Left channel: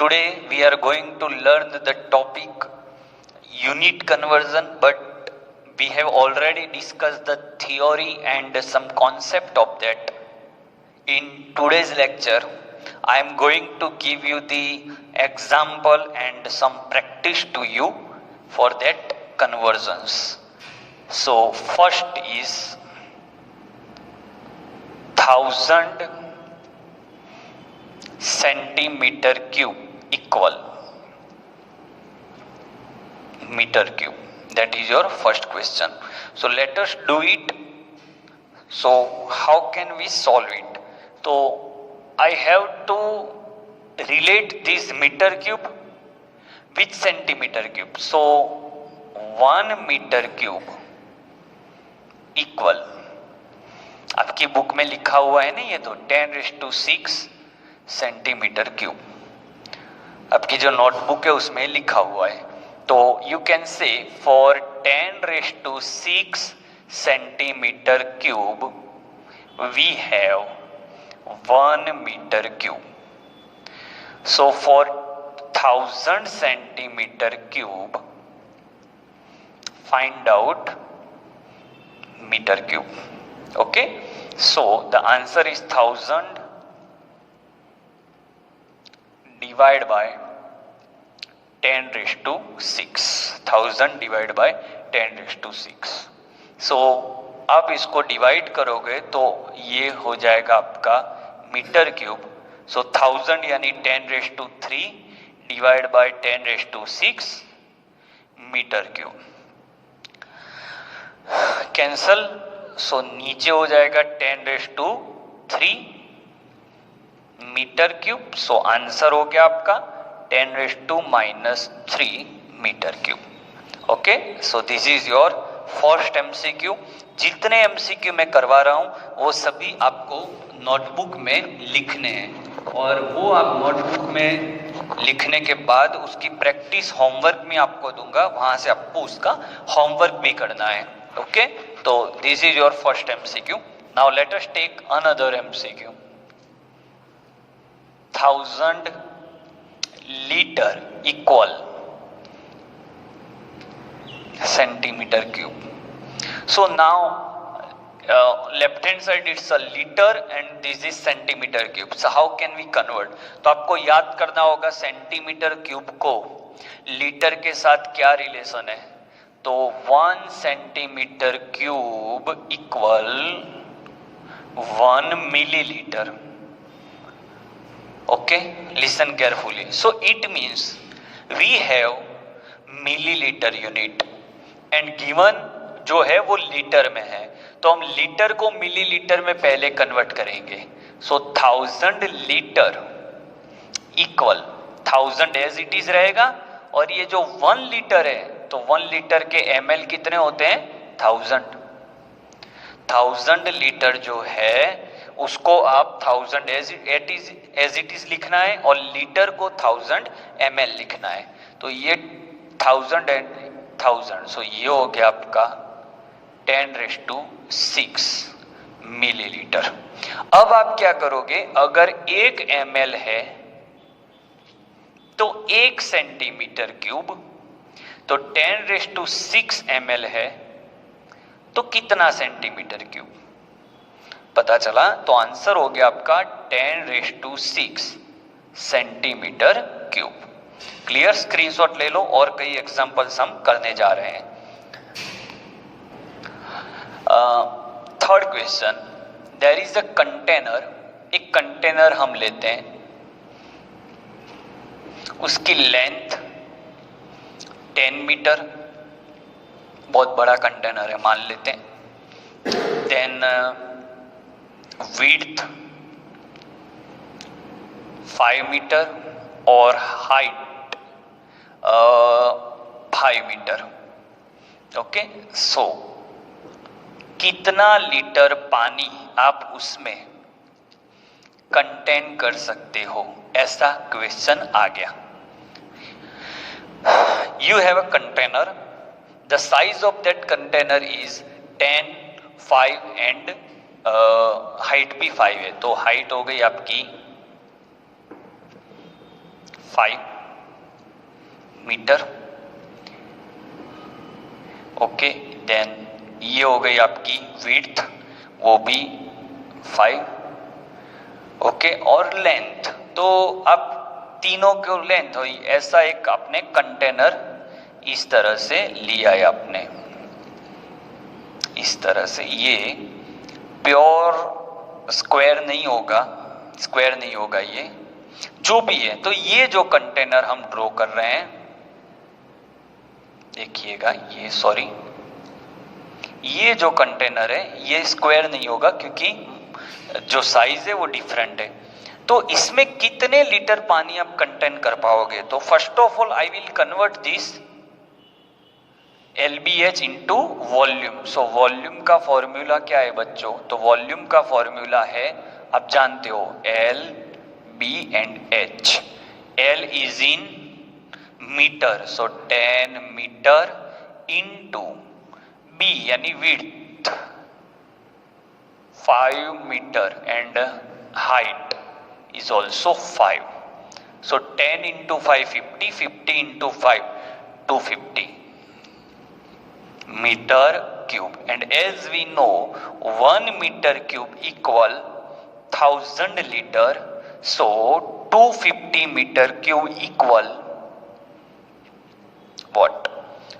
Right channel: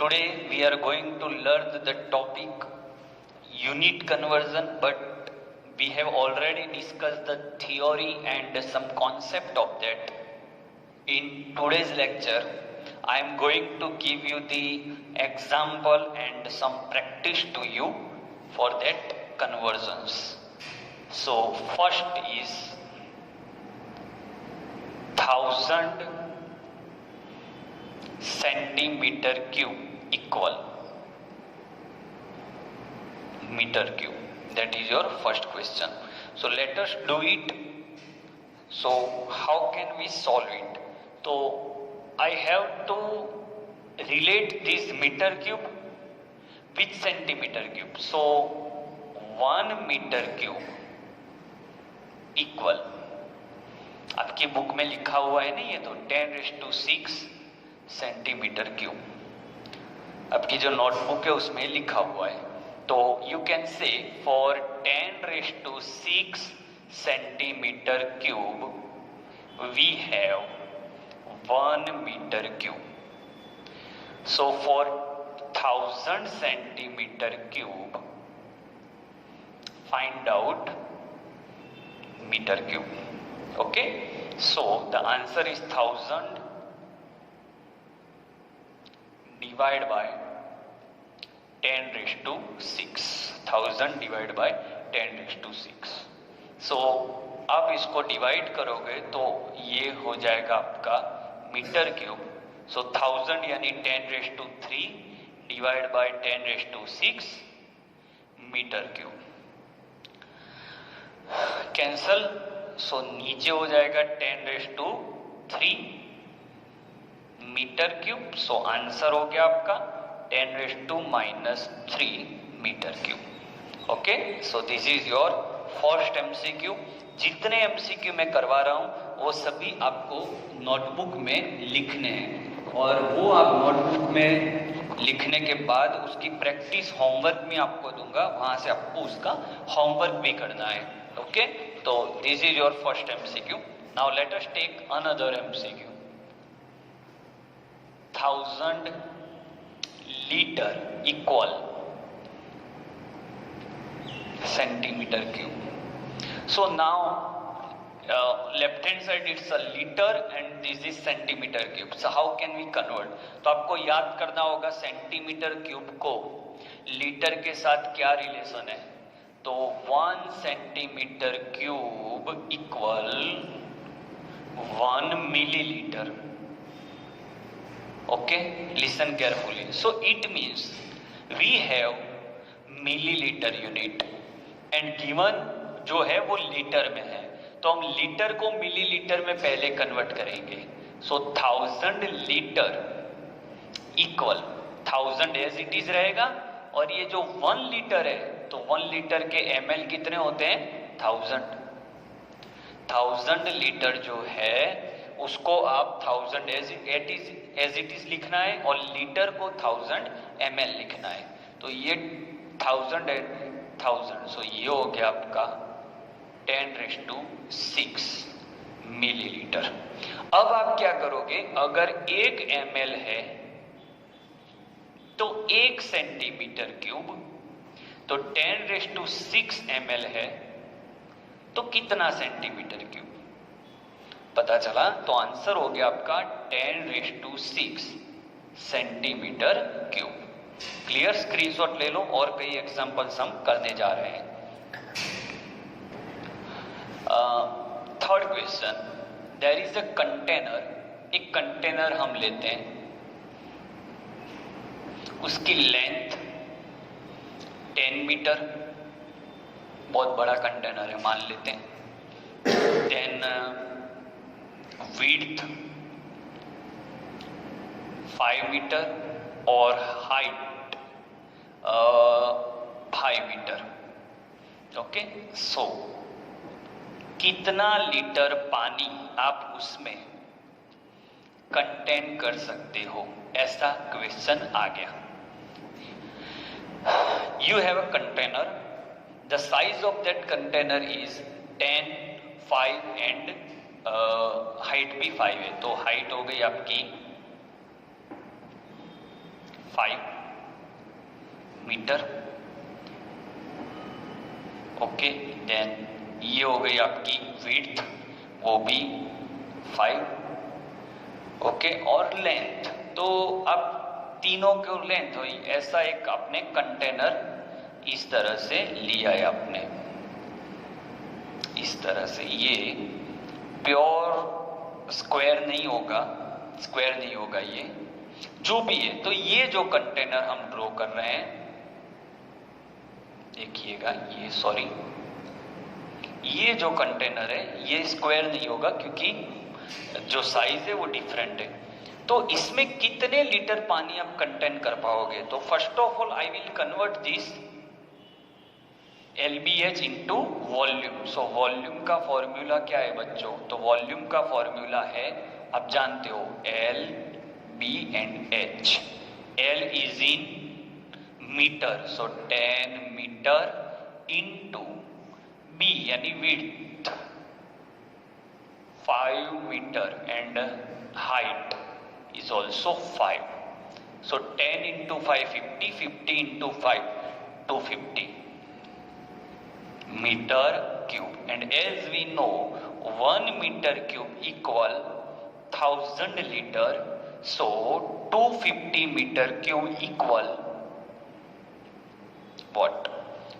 today we are going to learn the topic unit conversion, but we have already discussed the theory and some concept of that. In today's lecture, I am going to give you the example and some practice to you for that conversions. So first is 1000 centimeter cube equal meter cube. That is your first question. So let us do it. So how can we solve it? So I have to relate this meter cube with centimeter cube. So 1 meter cube equal, आपकी book में लिखा हुआ है ना ये, तो 10⁶ centimetre cube. आपकी जो नोटबुक है उसमें लिखा हुआ है. तो you can say for 10⁶ centimetre cube we have 1 metre cube. So for 1000 centimetre cube find out metre cube. Okay, so the answer is 1000 divided by 10⁶. 1000 divided by 10⁶. So आप इसको डिवाइड करोगे तो ये हो जाएगा आपका मीटर क्यूब. सो 1000 यानी 10⁻³ divide by 10⁶ metre cube. Cancel. So नीचे हो जाएगा 10⁻³ मीटर क्यूब. सो आंसर हो गया आपका 10⁻³ metre cube. Okay, so this is your first MCQ. जितने एमसीक्यू मैं करवा रहा हूं वो सभी आपको नोटबुक में लिखने हैं, और वो आप नोटबुक में लिखने के बाद उसकी प्रैक्टिस होमवर्क में आपको दूंगा, वहां से आपको उसका होमवर्क भी करना है. ओके, तो this is your first MCQ. Now let us take another MCQ. 1000 litre equal centimetre cube. So now left hand side it's a liter and this is centimeter cube. So how can we convert? तो आपको याद करना होगा centimetre cube को litre के साथ क्या relation है. तो 1 centimetre cube equal 1 millilitre. Okay, listen carefully. So it means we have millilitre unit and given जो है वो लीटर में है, तो हम लीटर को मिलीलीटर में पहले कन्वर्ट करेंगे. So 1000 litre equal 1000 as it is रहेगा, और ये जो 1 लीटर है तो 1 लीटर के ml कितने होते हैं? 1000. 1000 लीटर जो है उसको आप 1000 एज इट इज लिखना है, और लीटर को 1000 ml लिखना है. तो ये 1000 एंड 1000, सो ये हो गया आपका 10⁶ मिलीलीटर. अब आप क्या करोगे, अगर 1 ml है तो 1 सेंटीमीटर क्यूब, तो 10⁶ ml है तो कितना सेंटीमीटर क्यूब? पता चला. तो आंसर हो गया आपका 10⁶ सेंटीमीटर क्यूब. क्लियर. स्क्रीनशॉट ले लो, और कई एग्जांपल्स हम करने जा रहे हैं. Third question, there is a container. एक कंटेनर हम लेते हैं, उसकी लेंथ 10 मीटर, बहुत बड़ा कंटेनर है मान लेते हैं. देन विड्थ 5 मीटर और हाइट 5 मीटर. ओके, सो कितना लीटर पानी आप उसमें कंटेन कर सकते हो, ऐसा क्वेश्चन आ गया. You have a container. The size of that container is 10, 5 and height भी 5 है, तो हाइट हो गई आपकी 5 मीटर। ओके, देन ये हो गई आपकी विड्थ, वो भी 5। ओके, और लेंथ, तो अब तीनों को लेंथ हुई, ऐसा एक आपने कंटेनर इस तरह से लिया है आपने, इस तरह से। ये प्योर स्क्वायर नहीं होगा, स्क्वायर नहीं होगा, ये जो भी है। तो ये जो कंटेनर हम ड्रॉ कर रहे हैं, देखिएगा, ये सॉरी, ये जो कंटेनर है ये स्क्वायर नहीं होगा क्योंकि जो साइज है वो डिफरेंट है। तो इसमें कितने लीटर पानी आप कंटेन कर पाओगे? तो first of all I will convert this LBH into volume. So volume का फॉर्मूला क्या है बच्चों? तो वॉल्यूम का फॉर्मूला है, आप जानते हो, L, B and H। L is in metre, so 10 metre into B यानी width 5 metre and height is also 5. So 10 into 5 50, 50 into 5 250 meter cube, and as we know 1 meter cube equal 1000 liter, so 250 meter cube equal what?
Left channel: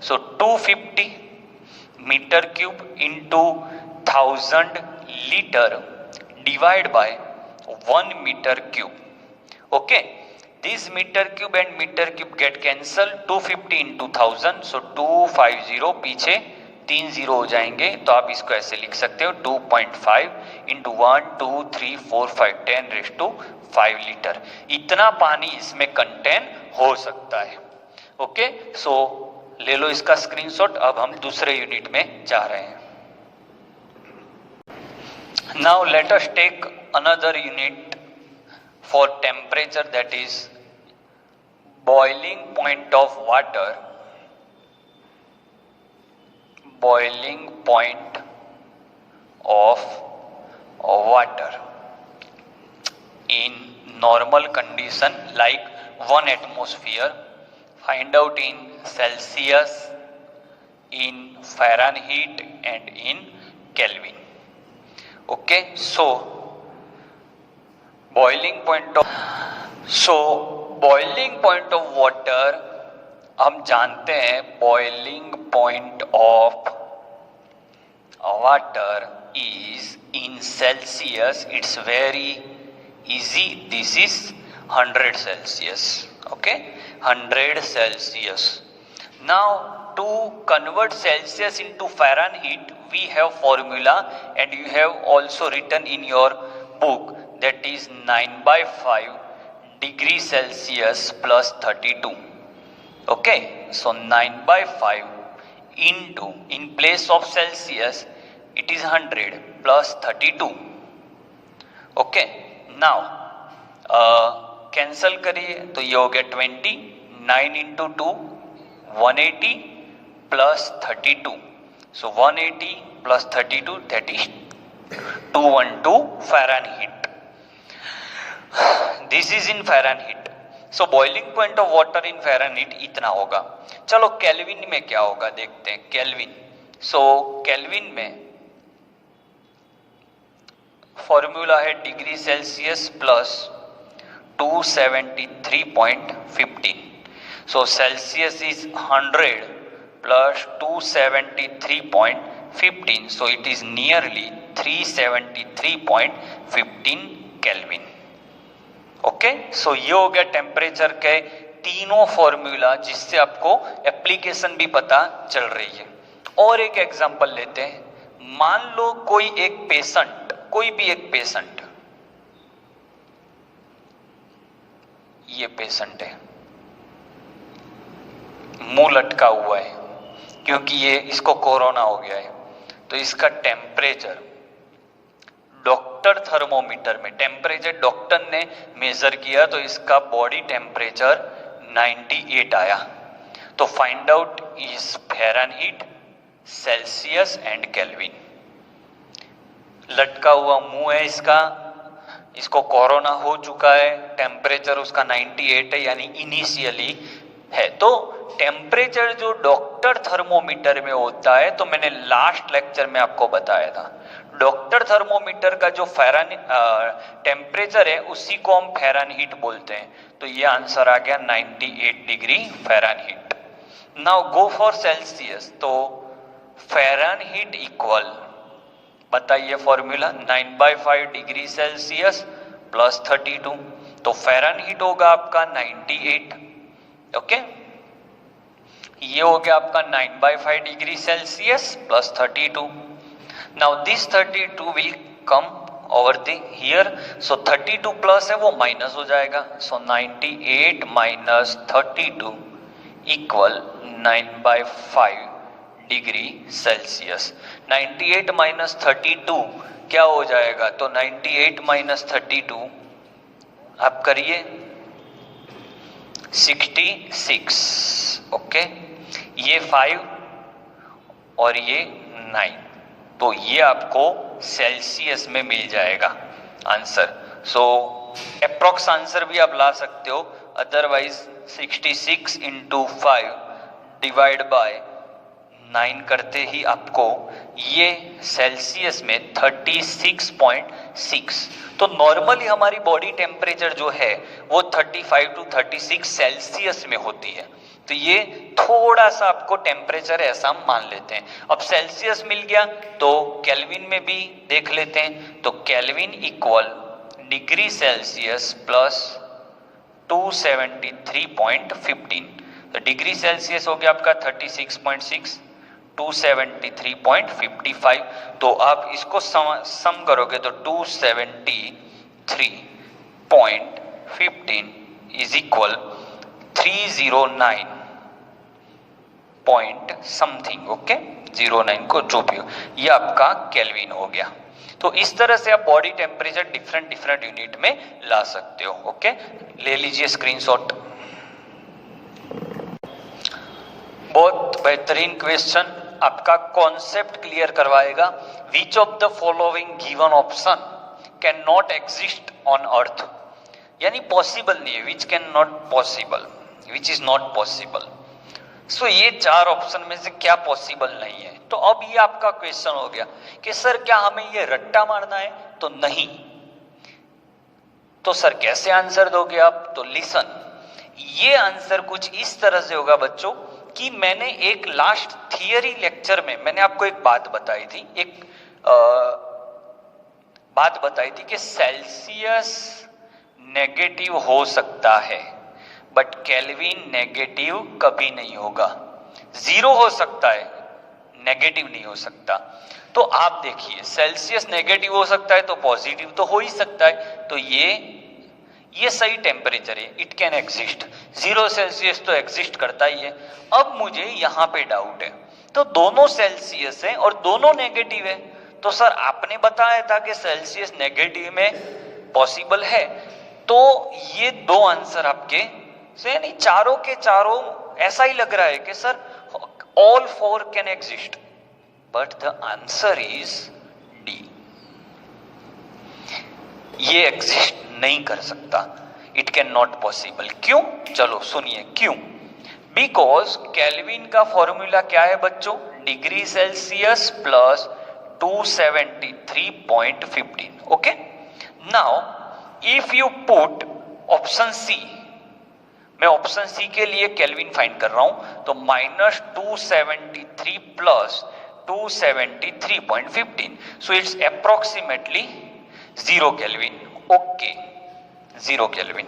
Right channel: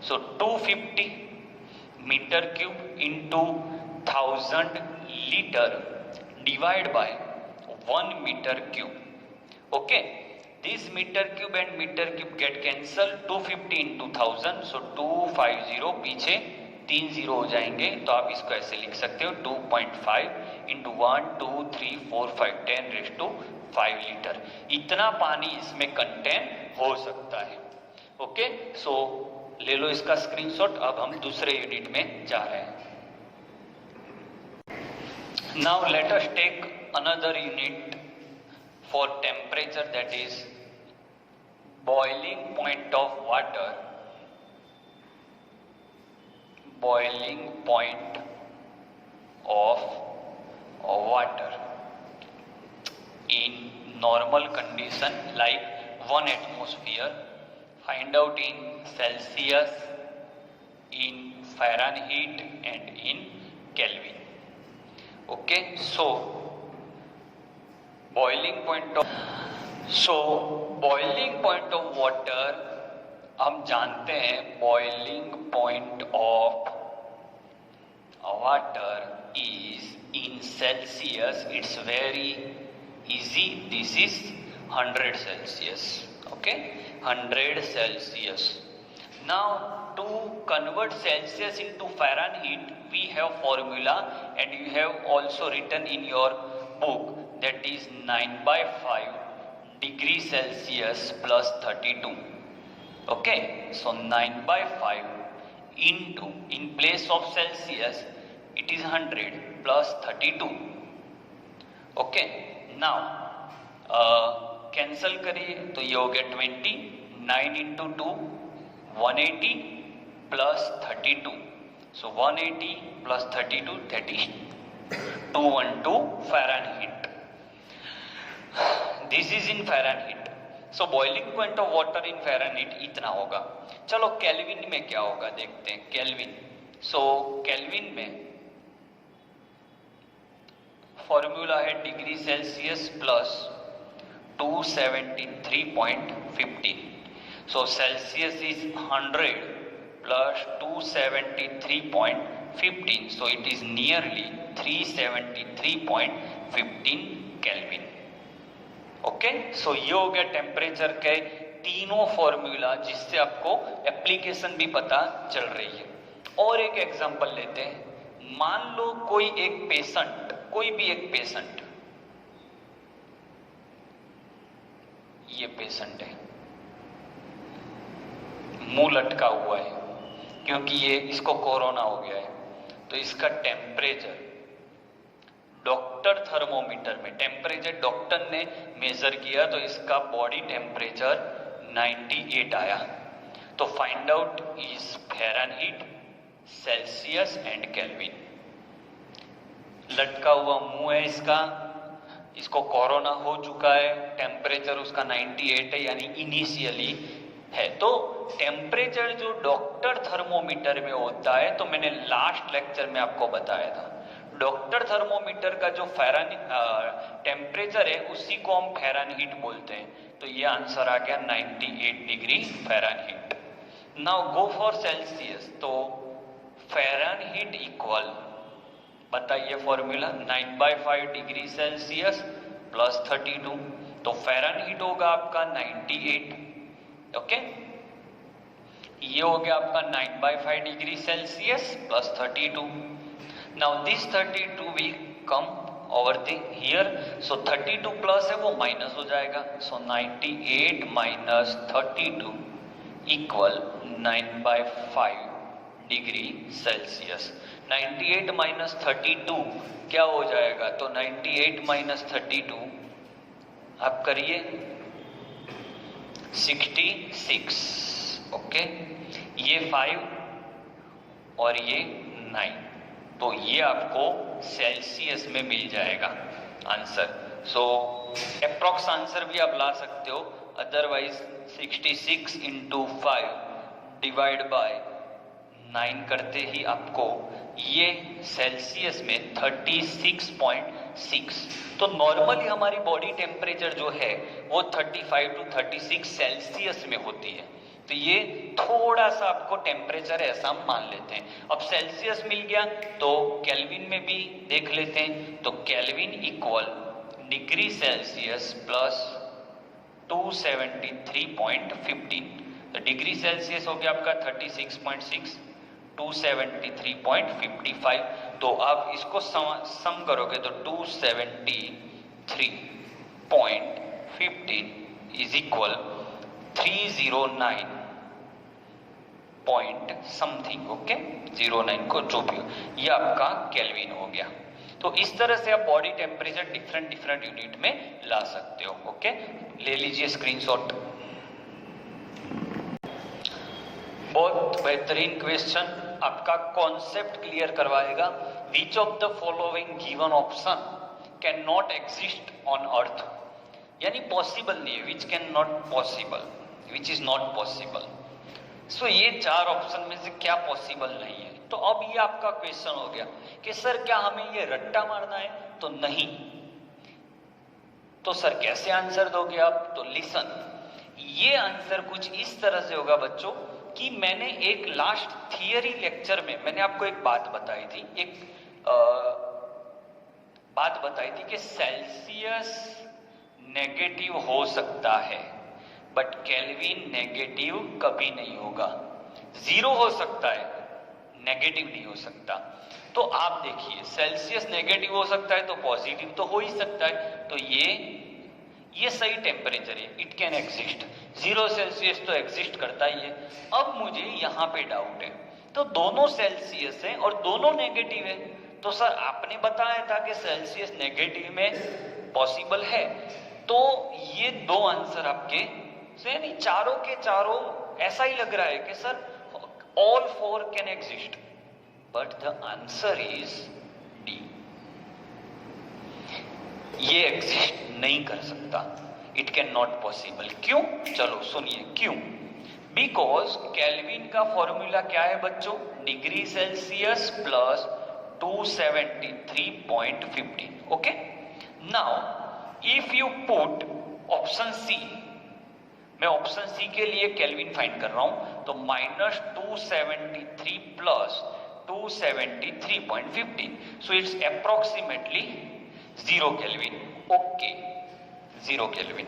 So 250 meter cube into 1000 liter divided by 1 meter cube. Okay, this meter cube and meter cube get cancelled, 250 into 1000, so 250, पीछे 3 0 हो जाएंगे, तो आप इसको ऐसे लिख सकते हो 2.5 into 1 2 3 4 5 10⁵ लीटर। इतना पानी इसमें कंटेन हो सकता है। ओके, सो ले लो इसका स्क्रीनशॉट। अब हम दूसरे यूनिट में जा रहे हैं। Now let us take another unit for temperature, that is boiling point of water. Boiling point of water in normal condition like 1 atmosphere. Find out in Celsius, in Fahrenheit and in Kelvin. Okay, so boiling point of water हम जानते हैं, boiling point of water is in Celsius. It's very easy. This is 100 Celsius. Okay, 100 Celsius. Now to convert Celsius into Fahrenheit, we have formula, and you have also written in your book, that is 9/5 degree Celsius plus 32. Okay, so 9/5 into, in place of Celsius it is 100 plus 32. Okay, now cancel करिए तो ये हो गया 20, 9 into 2 180 plus 32, so 180 plus 32, that is 212 Fahrenheit. This is in Fahrenheit. So boiling point of water in Fahrenheit इतना होगा। चलो kelvin में क्या होगा देखते हैं। केल्विन, so केल्विन में फॉर्मूला है degree Celsius plus 273.15. So Celsius is 100 plus 273.15. So it is nearly 373.15 Kelvin. Okay, सो ये हो गया टेम्परेचर के तीनों फॉर्मूला, जिससे आपको एप्लीकेशन भी पता चल रही है। और एक एग्जांपल लेते हैं। मान लो कोई एक पेशेंट, कोई भी एक पेशेंट, ये पेशेंट है, मुंह लटका हुआ है क्योंकि ये इसको कोरोना हो गया है, तो इसका टेम्परेचर डॉक्टर थर्मोमीटर में, टेम्परेचर डॉक्टर ने मेजर किया तो इसका बॉडी टेम्परेचर 98 आया। तो find out is Fahrenheit, Celsius and kelvin. लटका हुआ मुंह है इसका, इसको कोरोना हो चुका है, टेम्परेचर उसका 98 है यानी इनिशियली है। तो टेम्परेचर जो डॉक्टर थर्मोमीटर में होता है, तो मैंने लास्ट लेक्चर में आपको बताया था, डॉक्टर थर्मोमीटर का जो टेम्परेचर है उसी को हम फ़ारेनहीट बोलते हैं। तो ये आंसर आ गया 98 degree Fahrenheit. Now go for Celsius. तो फ़ारेनहीट इक्वल, बताइए फॉर्मूला, 9/5 डिग्री सेल्सियस प्लस 32। तो फ़ारेनहीट होगा आपका 98, ओके। ये हो गया आपका 9/5 degree Celsius plus 32। Now this 32 will come over the here, so 32 plus है वो माइनस हो जाएगा, सो 98 minus 32 equal 9/5 degree Celsius. 98 minus 32 क्या हो जाएगा, तो 98 माइनस 32 आप करिए 66, ओके। ये 5 और ये 9, तो ये आपको सेल्सियस में मिल जाएगा आंसर। सो अप्रॉक्स आंसर भी आप ला सकते हो, अदरवाइज 66 इंटू 5 डिवाइड बाय 9 करते ही आपको ये सेल्सियस में 36.6। तो नॉर्मली हमारी बॉडी टेम्परेचर जो है वो 35 टू 36 सेल्सियस में होती है। तो ये थोड़ा सा आपको टेम्परेचर ऐसा मान लेते हैं। अब सेल्सियस मिल गया तो केल्विन में भी देख लेते हैं। तो kelvin equal degree Celsius plus 273.15। तो डिग्री सेल्सियस हो गया आपका 36.6, 273.55। तो आप इसको सम करोगे तो 273.15 is equal 309 point something, okay, 09 को जो भी हो, ये आपका केल्विन हो गया। तो इस तरह से आप body temperature different different unit में ला सकते हो, ओके। ले लीजिए स्क्रीनशॉट। बहुत बेहतरीन क्वेश्चन, आपका कॉन्सेप्ट क्लियर करवाएगा। Which of the following given option can not exist on earth, यानी पॉसिबल नहीं है, which can not possible, which is not possible. So ये 4 ऑप्शन में से क्या पॉसिबल नहीं है। तो अब ये आपका क्वेश्चन हो गया कि सर क्या हमें ये रट्टा मारना है, तो नहीं। तो सर कैसे आंसर दोगे आप, तो लिसन, ये आंसर कुछ इस तरह से होगा बच्चों कि मैंने एक लास्ट थियरी लेक्चर में मैंने आपको एक बात बताई थी, बात बताई थी कि सेल्सियस नेगेटिव हो सकता है बट केल्विन नेगेटिव कभी नहीं होगा। 0 हो सकता है, नेगेटिव नहीं हो सकता। तो आप देखिए सेल्सियस नेगेटिव हो सकता है तो पॉजिटिव तो हो ही सकता है। तो ये सही टेम्परेचर है, इट कैन एग्जिस्ट। 0 सेल्सियस तो एग्जिस्ट करता ही है। अब मुझे यहाँ पे डाउट है, तो दोनों सेल्सियस है और दोनों नेगेटिव है। तो सर आपने बताया था कि सेल्सियस नेगेटिव में पॉसिबल है, तो ये 2 आंसर आपके से नहीं, चारों के चारों ऐसा ही लग रहा है कि sir all 4 can exist, but the answer is D, ये एग्जिस्ट नहीं कर सकता, इट कैन नॉट पॉसिबल। क्यों, चलो सुनिए क्यों। बिकॉज केल्विन का फॉर्मूला क्या है बच्चों, degree Celsius plus 273.15, okay. Now if you put option C, मैं ऑप्शन सी के लिए केल्विन फाइंड कर रहा हूं, तो -273 plus 273.15, so it's approximately 0 kelvin, okay, 0 kelvin.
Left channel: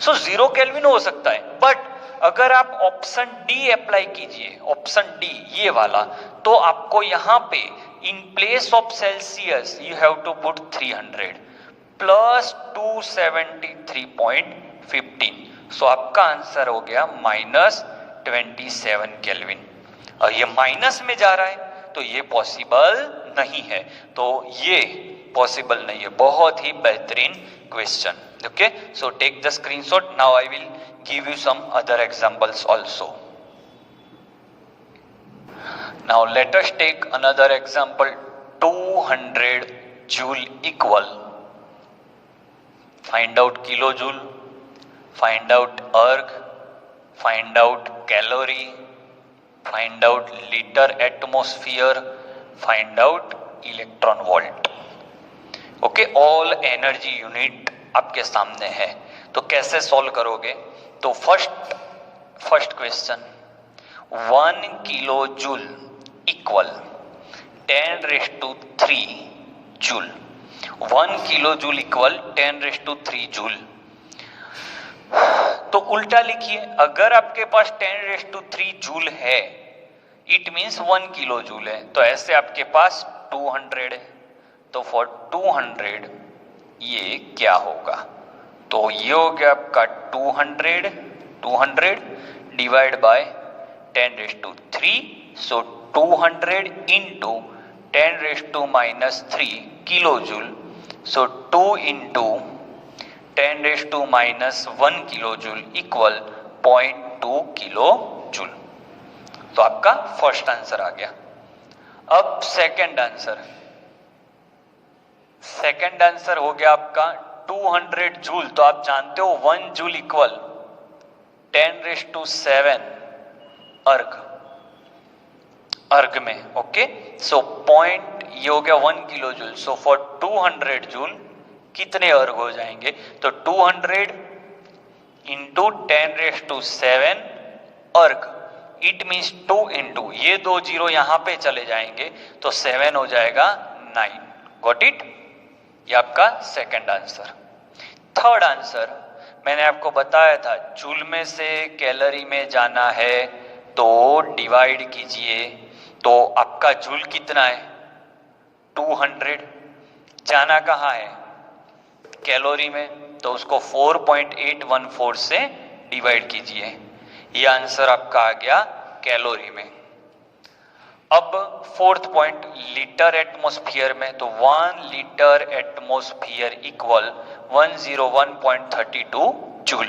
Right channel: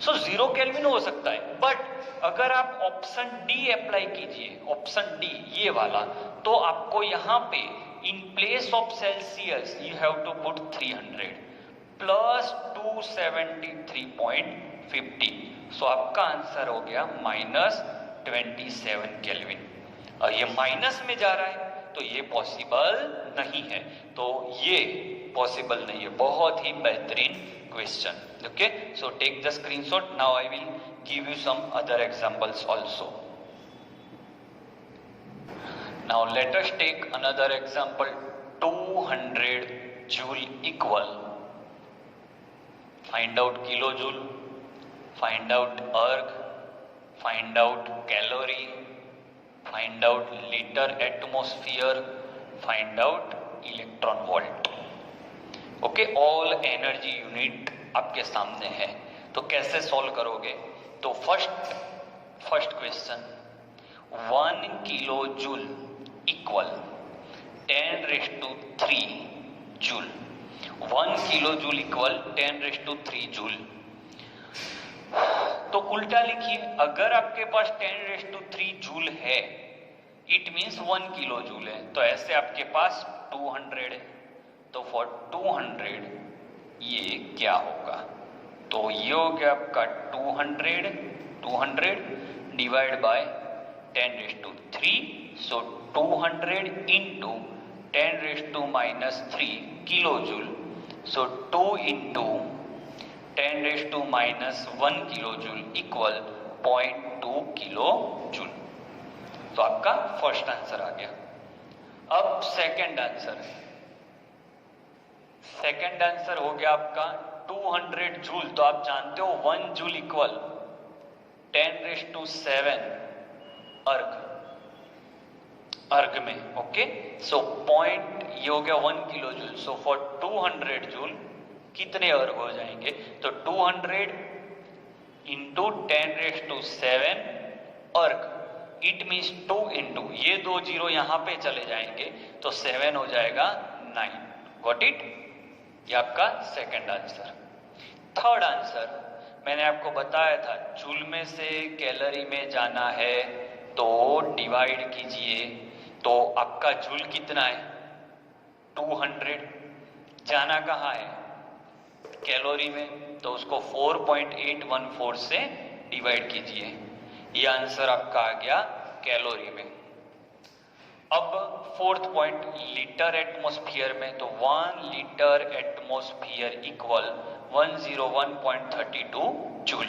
So 0 kelvin हो सकता है, बट अगर आप ऑप्शन डी अप्लाई कीजिए, ऑप्शन डी ये वाला, तो आपको यहां पे in place of Celsius you have to put 300 plus 273.15, so आपका आंसर हो गया -27 केल्विन। और ये माइनस में जा रहा है तो ये पॉसिबल नहीं है, तो ये पॉसिबल नहीं है। बहुत ही बेहतरीन question, okay. So take the screenshot. Now I will give you some other examples also. Now let us take another example. 200 joule equal find out kilo joule, find out erg, find out calorie, find out litre atmosphere, find out electron volt. Okay, all energy unit आपके सामने है। तो कैसे solve करोगे? तो first question, 1 kilo joule equal 10⁻³ joule. 1 kilo joule equal 10⁻³ joule. तो उल्टा लिखिए, अगर आपके पास 10⁻³ जूल है, इट मीन्स 1 किलो जूल है, तो ऐसे आपके पास 200 है। तो फॉर 200 ये क्या होगा? तो ये हो गया आपका 200 divide by 10⁻³ so 200 into 10⁻³ kilo joule, so 2 into 10⁻⁻1 kilo joule equal 0.2 kilo joule. तो आपका फर्स्ट आंसर आ गया। अब सेकंड आंसर हो गया आपका 200 जूल। तो आप जानते हो 1 जूल इक्वल 10⁻⁷ अर्ग में। ओके, सो पॉइंट ये हो गया 1 kilo joule. So for 200 joule कितने अर्ग हो जाएंगे? तो 200 इंटू 10⁻⁷ अर्ग, इट मीन्स 2 इंटू ये 2 जीरो यहां पे चले जाएंगे तो 7 हो जाएगा 9। Got it? ये आपका सेकंड आंसर। थर्ड आंसर मैंने आपको बताया था, जूल में से कैलोरी में जाना है तो डिवाइड कीजिए। तो आपका जूल कितना है? 200। जाना कहाँ है? कैलोरी में, तो उसको 4.814 से डिवाइड कीजिए। ये आंसर आपका आ गया कैलोरी में। अब फोर्थ पॉइंट, लीटर एटमॉस्फेयर में, तो 1 litre atmosphere equal 101.32 joule.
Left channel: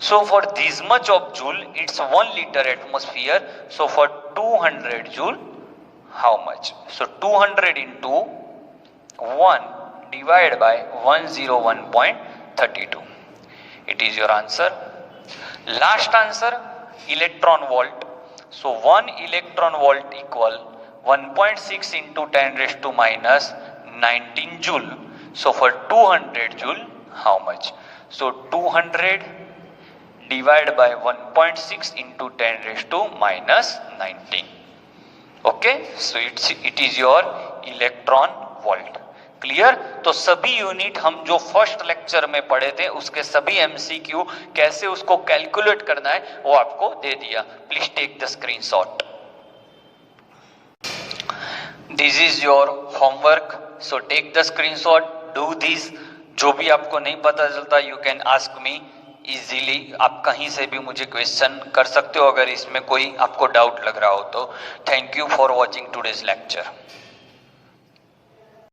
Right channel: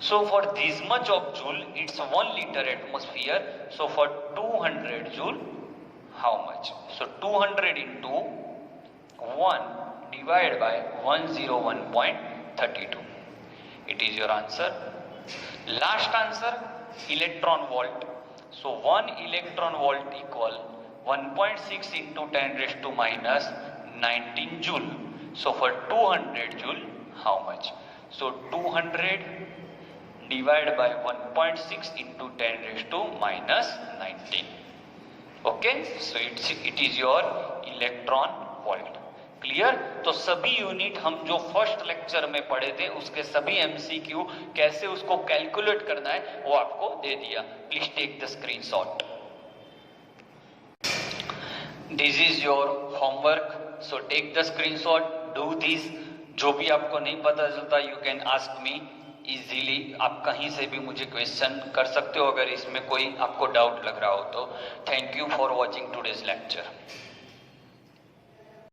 So for this much of joule, it's 1 liter atmosphere. So for 200 joule, how much? So 200 into 1 divided by 101.32. It is your answer. Last answer, electron volt. So 1 electron volt equal 1.6 into 10⁻⁻19 joule. So for 200 joule, how much? So 200 divided by 1.6 into 10⁻⁻19. Okay, so it is your electron volt. Clear? तो सभी unit हम जो first lecture में पढ़े थे उसके सभी MCQ कैसे उसको कैलकुलेट करना है वो आपको दे दिया। Please take the screenshot. This is your homework, so take the screenshot, do this. जो भी आपको नहीं पता चलता you can ask me easily. आप कहीं से भी मुझे क्वेश्चन कर सकते हो अगर इसमें कोई आपको डाउट लग रहा हो तो। Thank you for watching today's lecture.